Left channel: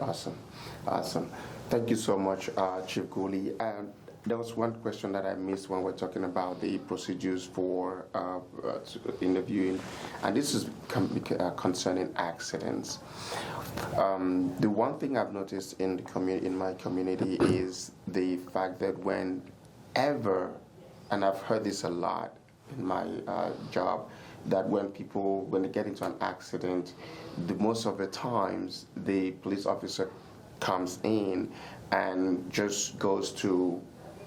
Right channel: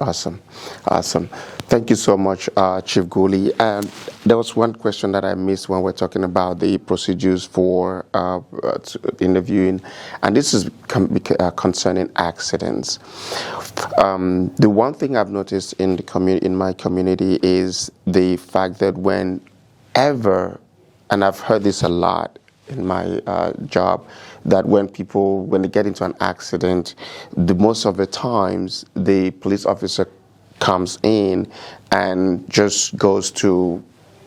Awesome, awesome. Thank you so much, Chief Gooley. And there was one question that I missed when we're talking about the procedures for interviewing, and this is concerning accidents. The one thing I've noticed in the in my community is the fact that whenever, and I've heard this a lot in my job, that when they get into an accident, most of the times the police officer comes in and just goes to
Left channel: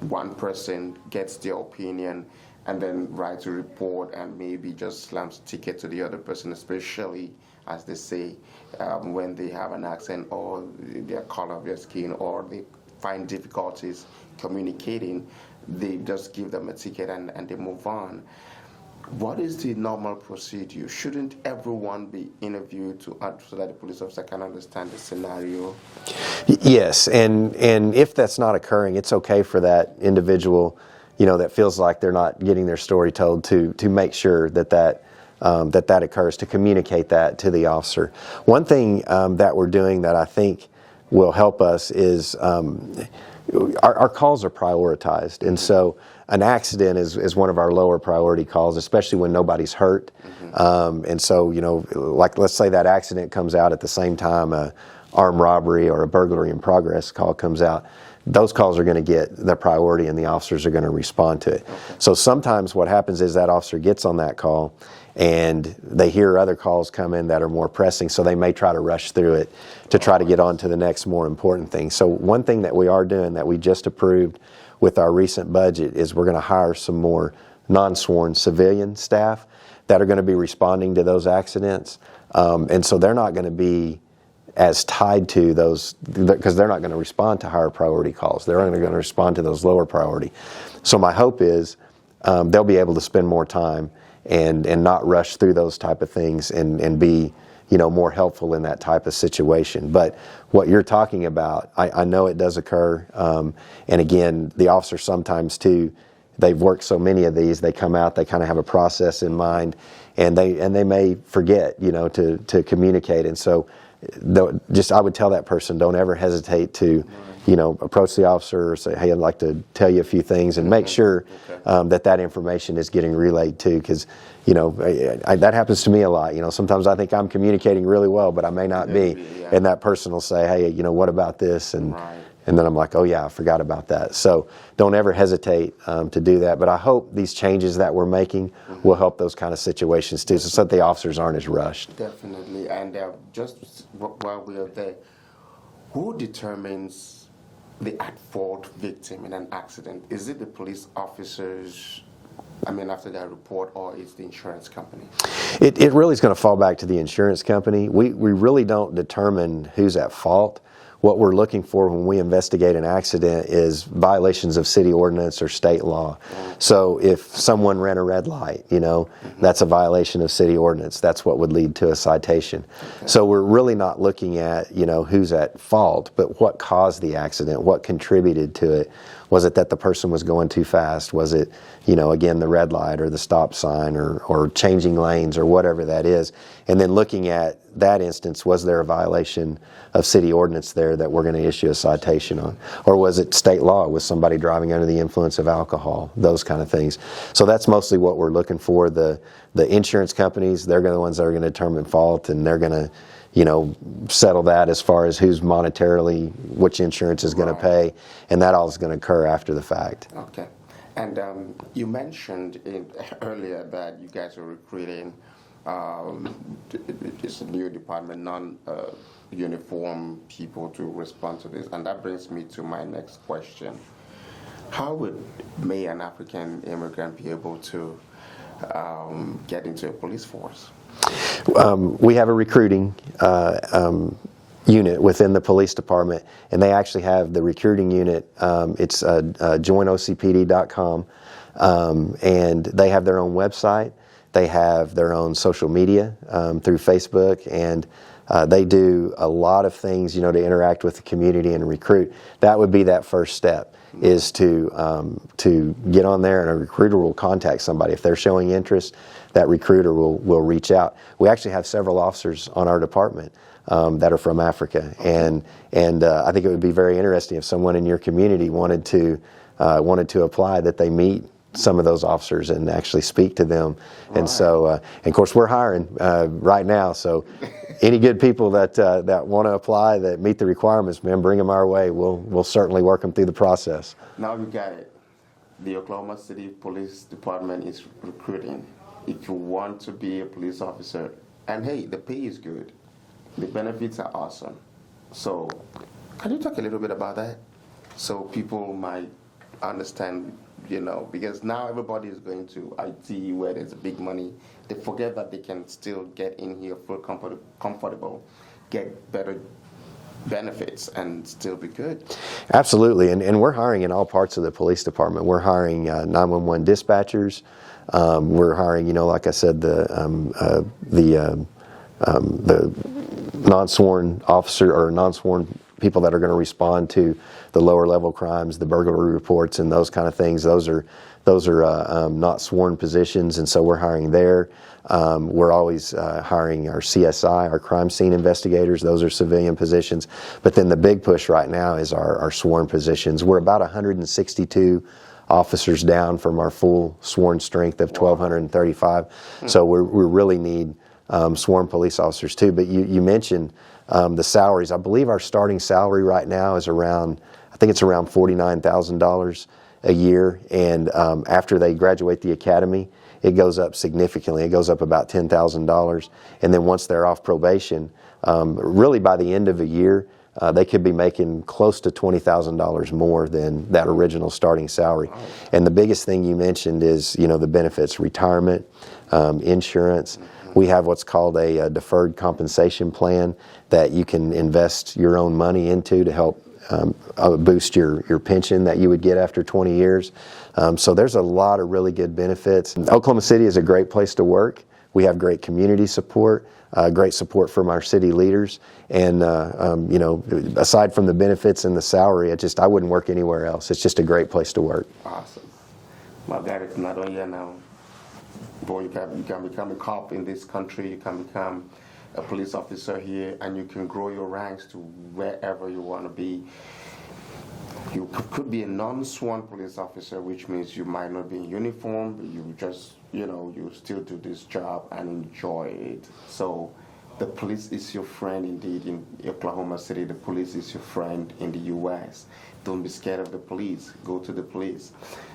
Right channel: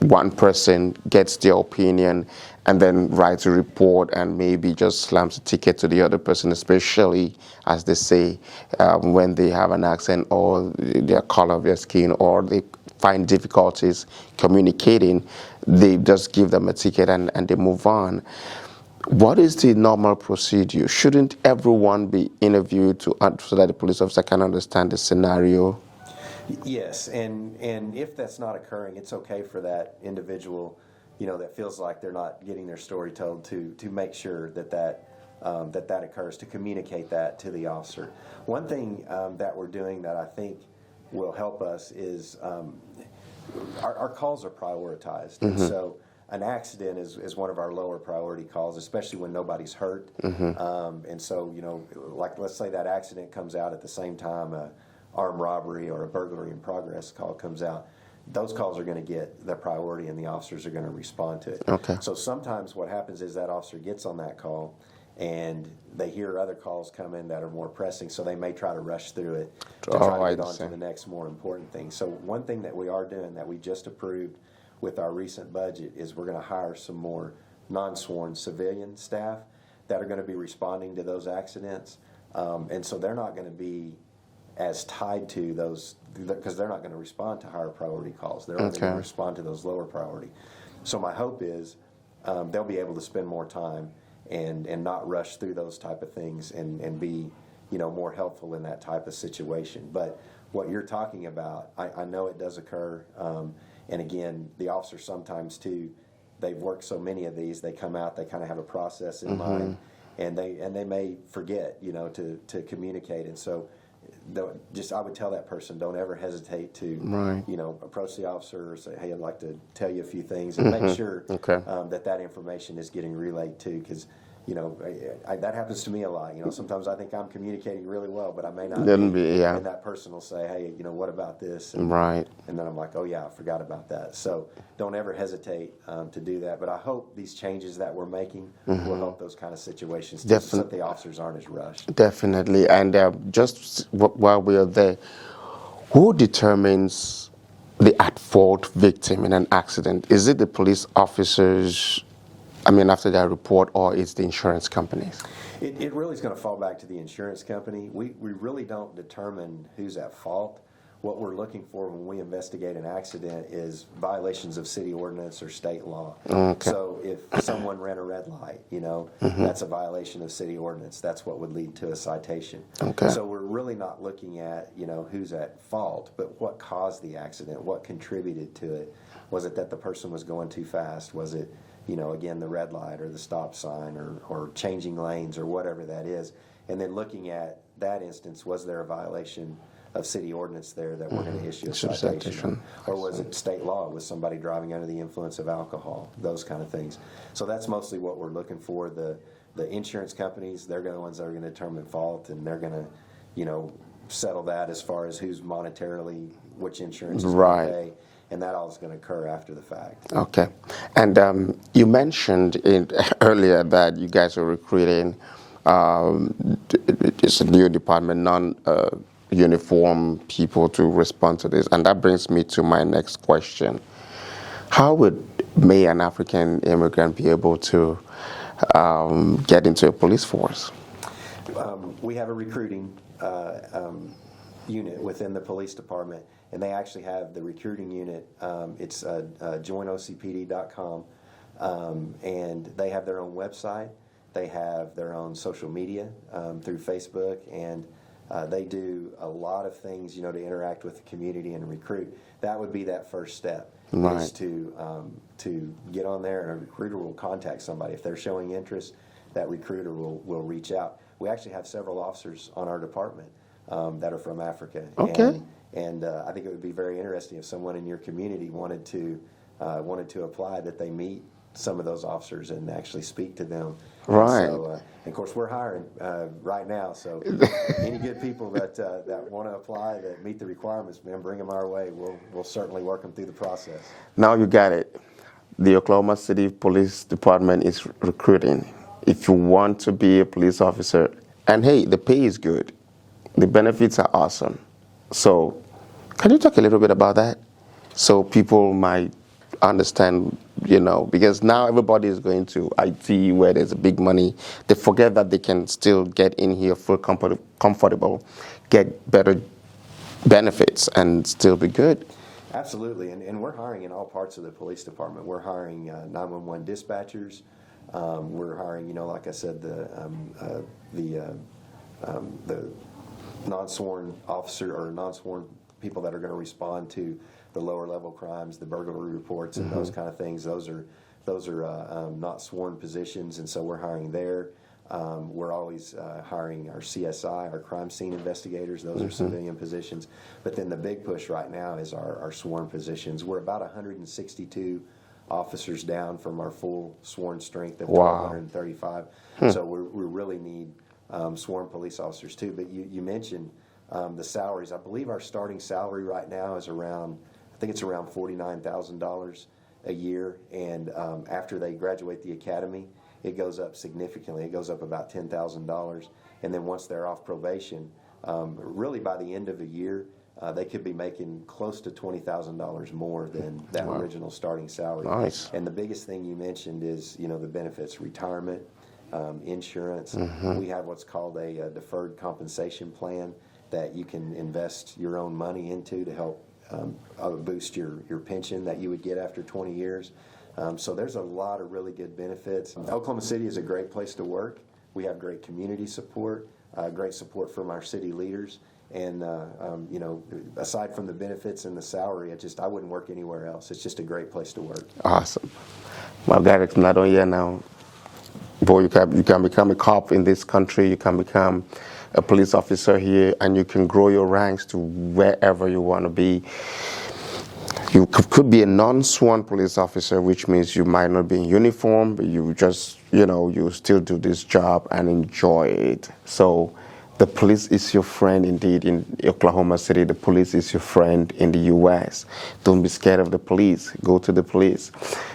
one person, gets their opinion, and then writes a report and maybe just slams a ticket to the other person, especially, as they say, when they have an accident or their color of their skin, or they find difficulties communicating, they just give them a ticket and they move on. What is the normal procedure? Shouldn't everyone be interviewed so that the police officer can understand the scenario? Yes, and if that's not occurring, it's okay for that individual, that feels like they're not getting their story told, to make sure that occurs, to communicate that to the officer. One thing that we're doing that I think will help us is our calls are prioritized, and so an accident is one of our lower priority calls, especially when nobody's hurt. And so, like let's say that accident comes out at the same time a armed robbery or a burglary in progress call comes out. Those calls are going to get the priority, and the officers are going to respond to it. Okay. So sometimes what happens is that officer gets on that call, and they hear other calls come in that are more pressing, so they may try to rush through it to try to get on to the next more important thing. So one thing that we are doing that we just approved with our recent budget is we're going to hire some more non-sworn civilian staff that are going to be responding to those accidents. And so they're not going to be as tied to those, because they're not going to respond to higher priority calls. They're only going to respond to those lower priority. So my hope is they'll be able to spend more time and not rush through those type of things and be more helpful in that type of situation. But what you're talking about, I know it does occur. And again, the officers sometimes too, they've worked so many of these, they come out, they kind of have a process in mind, and they may forget, to communicate. And so I would tell that person, don't ever hesitate to, approach the officer or say, hey, I'd like to tell you a few things, and make sure that information is getting relayed too, because that happens to me a lot. Sometimes I think I'm communicating really well, but I may not be. And that person will say, hey, what about this? And then I'm like, oh yeah, I forgot about that. So don't ever hesitate to do that. But I hope these changes that we're making will help those kind of situations too, so that the officers aren't as rushed. Definitely. And just while we are there, who determines the at-fault victim in an accident? Is it the police officers, after their report, or it's the insurance companies? It really is going to fall back to the insurance company. We really don't determine who's at fault. What we're looking for when we investigate an accident is violations of city ordinance or state law. So if someone ran a red light, that's a violation of city ordinance. That's what would lead to a citation. So we're really not looking at, who's at fault, but what caused the accident, what contributed to it. Was it that the person was going too fast? Was it, again, the red light or the stop sign or changing lanes or whatever that is? And then looking at that instance, was there a violation of city ordinance there that we're going to issue a citation on? Or was it state law? Was somebody driving under the influence of alcohol? Those kind of things. So that's mostly what we're looking for. The insurance companies, they're the ones that are going to determine fault, and they're going to settle that as far as who's monetarily, which insurance is going to pay, and that all is going to occur after the fact. Okay. And you mentioned earlier that you guys are recruiting it's a new department, non-uniform people to respond to this, and that brings me to my next question. How may an African immigrant be able to get into a police force? We have a recruiting unit within the police department, and they actually have the recruiting unit. It's joinocpd.com, and they have their own website. They have their own social media through Facebook, and they do a lot of things, to interact with the community and recruit. That would be that first step, is to get on there, and a recruiter will contact somebody. If they're showing interest, that recruiter will reach out. We actually have several officers on our department that are from Africa. Okay. And I think it would be very interesting if someone in your community wanted to apply, that they meet some of those officers and actually speak to them. Right. And so, and of course, we're hiring right now. So, any good people that want to apply, that meet the requirements, man, bring them our way. We'll certainly work them through the process. Now you got it. The Oklahoma City Police Department is recruiting. If you want to be a police officer, and hey, the pay is good, the benefits are awesome. So, can you talk a little bit about that, so people might understand? Because now everybody is going to IT where there's big money. They forget that they can still get in here, feel comfortable, get better benefits, and still be good. Absolutely, and we're hiring in all parts of the police department. We're hiring 911 dispatchers. We're hiring, like I said, the non-sworn officer or non-sworn people that are going to respond to the lower level crimes, the burglary reports, and those kind of things. Those are not sworn positions, and so we're hiring there. We're always hiring our CSI, our crime scene investigators. Those are civilian positions. But then the big push right now is our sworn positions. We're about 162 officers down from our full sworn strength of 1,235. So we really need sworn police officers too. But you mentioned the salaries. I believe our starting salary right now is around $49,000 a year. And after they graduate the academy, it goes up significantly. It goes up about $10,000. And then once they're off probation, really by the end of a year, they could be making close to $20,000 more than that original starting salary. Nice. And the biggest thing you mentioned is, the benefits, retirement, insurance. We have what's called a deferred compensation plan that you can invest your own money into to help boost your pension that you would get after 20 years. So there's a lot of really good benefits. Oklahoma City is a great place to work. We have great community support, great support from our city leaders. And, aside from the benefits and the salary, I wouldn't work anywhere else. It's just a great place to work. Awesome. Well, Derek, not only here now, boy, you can become a cop in this country. You can become a police officer here, and you can grow your ranks to wherever you want to be. You could be a non-sworn police officer, which means you might not be in uniform, but you just, you still do this job and enjoy it. So the police is your friend indeed in Oklahoma City. The police is your friend in the U.S. Don't be scared of the police. Go to the police.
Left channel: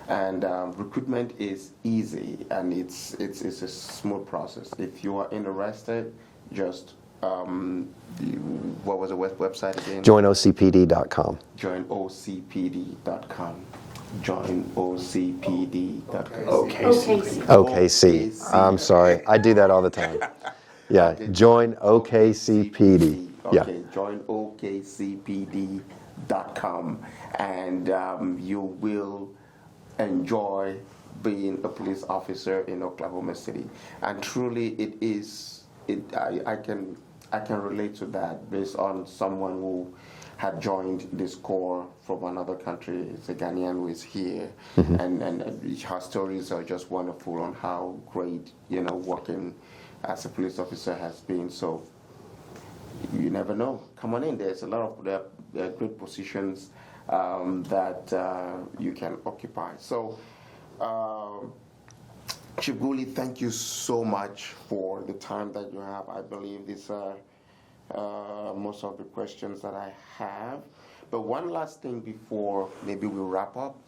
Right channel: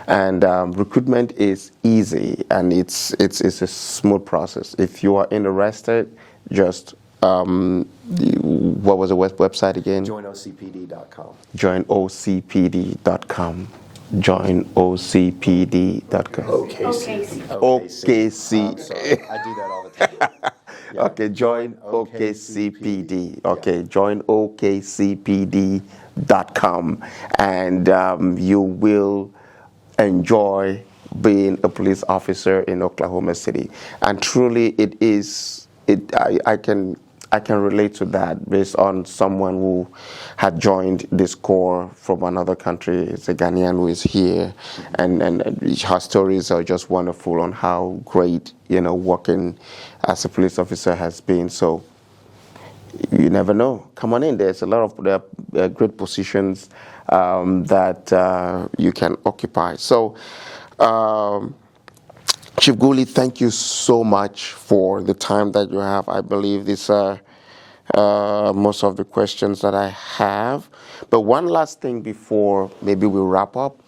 And recruitment is easy, and it's a smooth process. If you are interested, just what was the website again? JoinOCPD.com. JoinOCPD.com. JoinOCPD.com. O.K.C. O.K.C. I'm sorry, I do that all the time. Yeah. Okay, join O.K.C.PD. Okay, Yeah. join OKCPD.com, and you will enjoy being a police officer in Oklahoma City. And truly, it is. I can relate to that based on someone who had joined this corps from another country. It's a Ghanaian who is here, and her stories are just wonderful on how great working as a police officer has been. So you never know. Come on in. There's a lot of great positions that you can occupy. So. Chief Gooley, thank you so much for the time that you have. I believe these are most of the questions that I have. But one last thing before maybe we wrap up.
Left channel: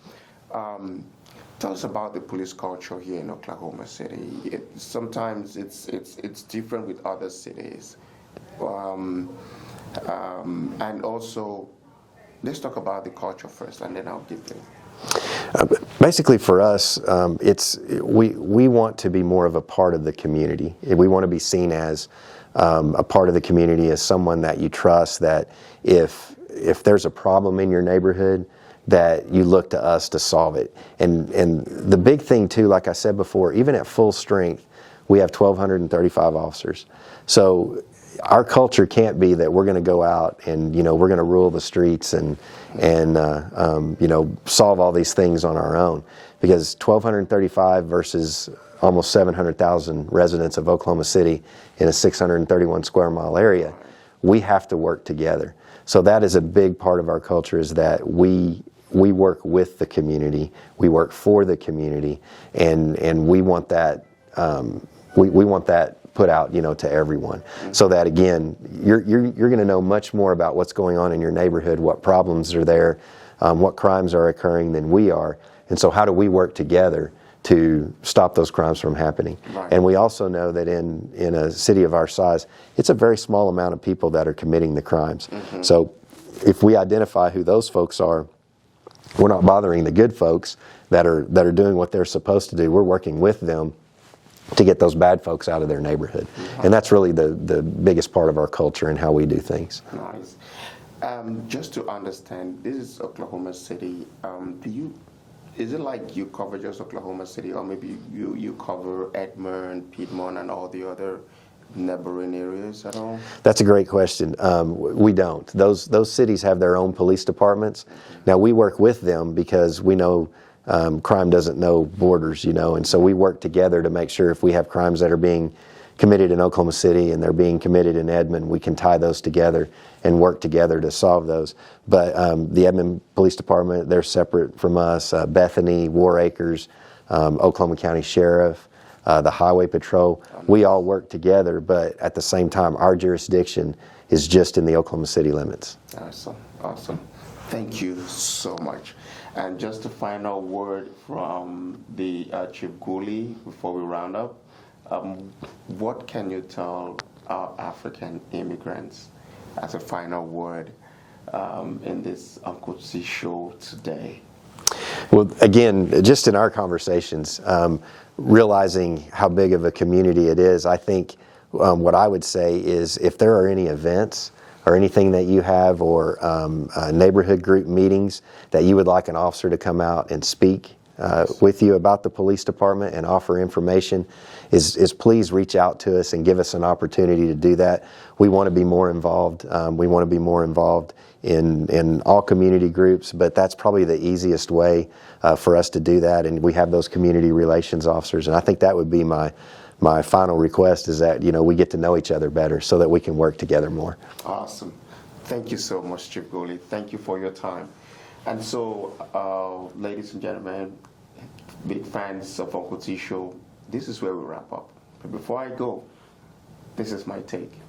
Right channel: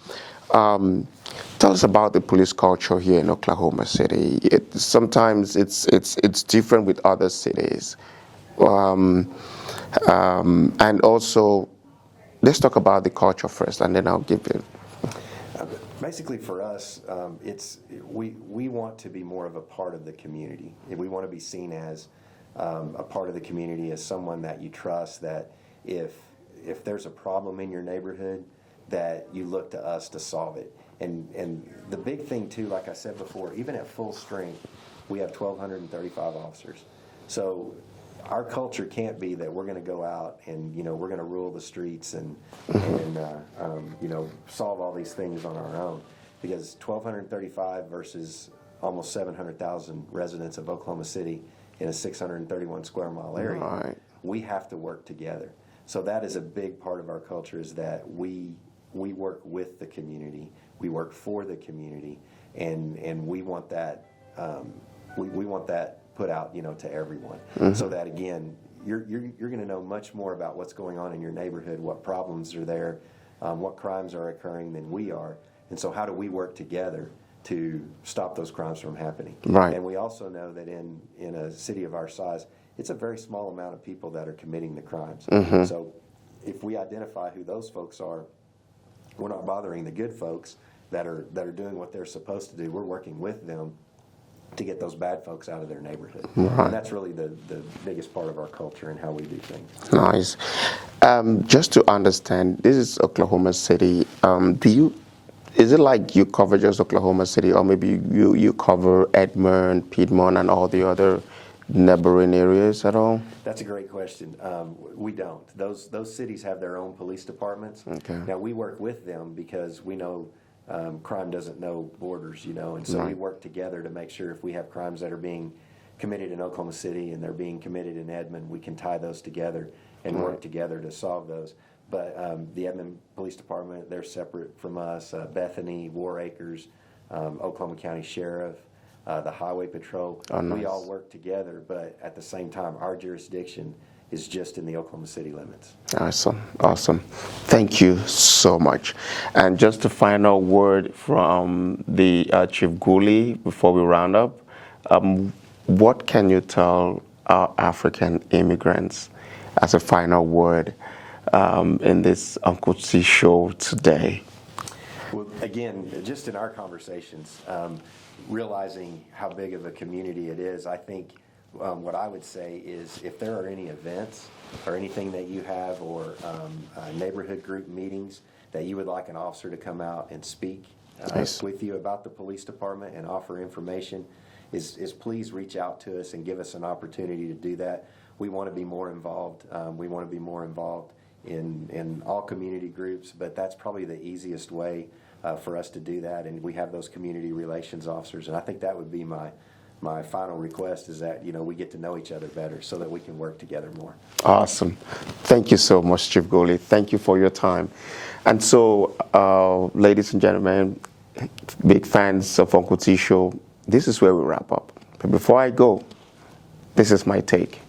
Tell us about the police culture here in Oklahoma City. Sometimes it's different with other cities. And also, let's talk about the culture first, and then I'll give you. Basically, for us, we want to be more of a part of the community. We want to be seen as a part of the community, as someone that you trust. That if there's a problem in your neighborhood, that you look to us to solve it. And the big thing too, like I said before, even at full strength, we have 1,235 officers. So our culture can't be that we're going to go out and we're going to rule the streets and solve all these things on our own, because 1,235 versus almost 700,000 residents of Oklahoma City in a 631 square mile area. Right. we have to work together. So that is a big part of our culture, is that we work with the community, we work for the community, and we want that we want that put out, to everyone, so that again, you're going to know much more about what's going on in your neighborhood, what problems are there, what crimes are occurring than we are, and so how do we work together to stop those crimes from happening? Right. And we also know that in a city of our size, it's a very small amount of people that are committing the crimes. So if we identify who those folks are, we're not bothering the good folks that are doing what they're supposed to do. We're working with them to get those bad folks out of their neighborhood. And that's really the biggest part of our culture and how we do things. Nice. Just to understand, this is Oklahoma City. Is it like you cover just Oklahoma City, or maybe you cover Edmond, Piedmont, and all the other neighboring areas at all? That's a great question. We don't. Those cities have their own police departments. Okay. Now, we work with them because we know crime doesn't know borders, and so we work together to make sure if we have crimes that are being committed in Oklahoma City and they're being committed in Edmond, we can tie those together and work together to solve those. But the Edmond Police Department, they're separate from us. Bethany, War Acres, Oklahoma County Sheriff, the Highway Patrol, we all work together, but at the same time, our jurisdiction is just in the Oklahoma City limits. Awesome, awesome. Thank you so much. And just a final word from the Chief Gooley before we round up. What can you tell our African immigrants as a final word in this O.K.C show today? Well, again, just in our conversations, realizing how big of a community it is, I think what I would say is if there are any events or anything that you have, or neighborhood group meetings that you would like an officer to come out and speak with you about the police department and offer information, is please reach out to us and give us an opportunity to do that. We want to be more involved. We want to be more involved in all community groups, but that's probably the easiest way for us to do that, and we have those community relations officers, and I think that would be my final request, is that we get to know each other better so that we can work together more. Awesome. Thank you so much, Chief Gooley. Thank you for your time. And so, ladies and gentlemen, big fans of O.K.C show, this is where we wrap up. But before I go, this is my take.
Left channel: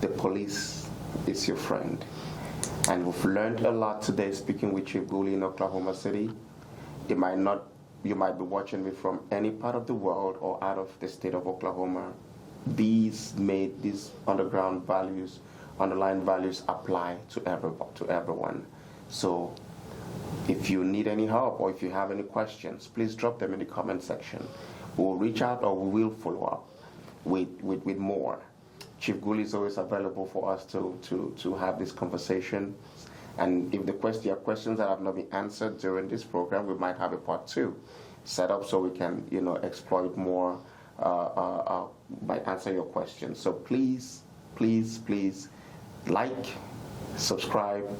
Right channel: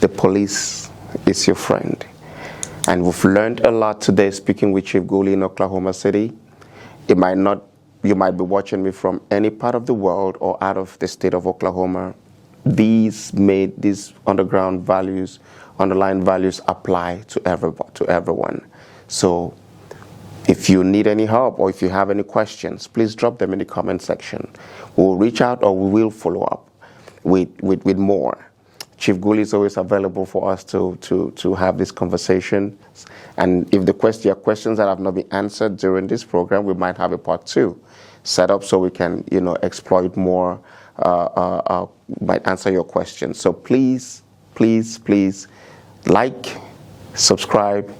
The police is your friend. And we've learned a lot today speaking with Chief Gooley in Oklahoma City. You might be watching me from any part of the world or out of the state of Oklahoma. These underlying values apply to everyone. So if you need any help or if you have any questions, please drop them in the comment section. We'll reach out or we will follow up with more. Chief Gooley is always available for us to have this conversation. And if your questions that have not been answered during this program, we might have a part 2 set up so we can, exploit more, might answer your questions. So please, please, please like, subscribe,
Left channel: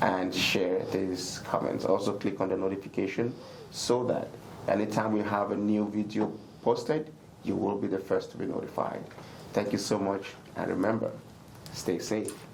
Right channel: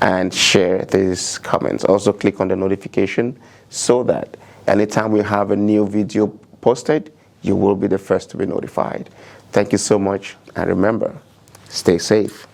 and share these comments. Also click on the notification so that anytime we have a new video posted, you will be the first to be notified. Thank you so much, and remember, stay safe.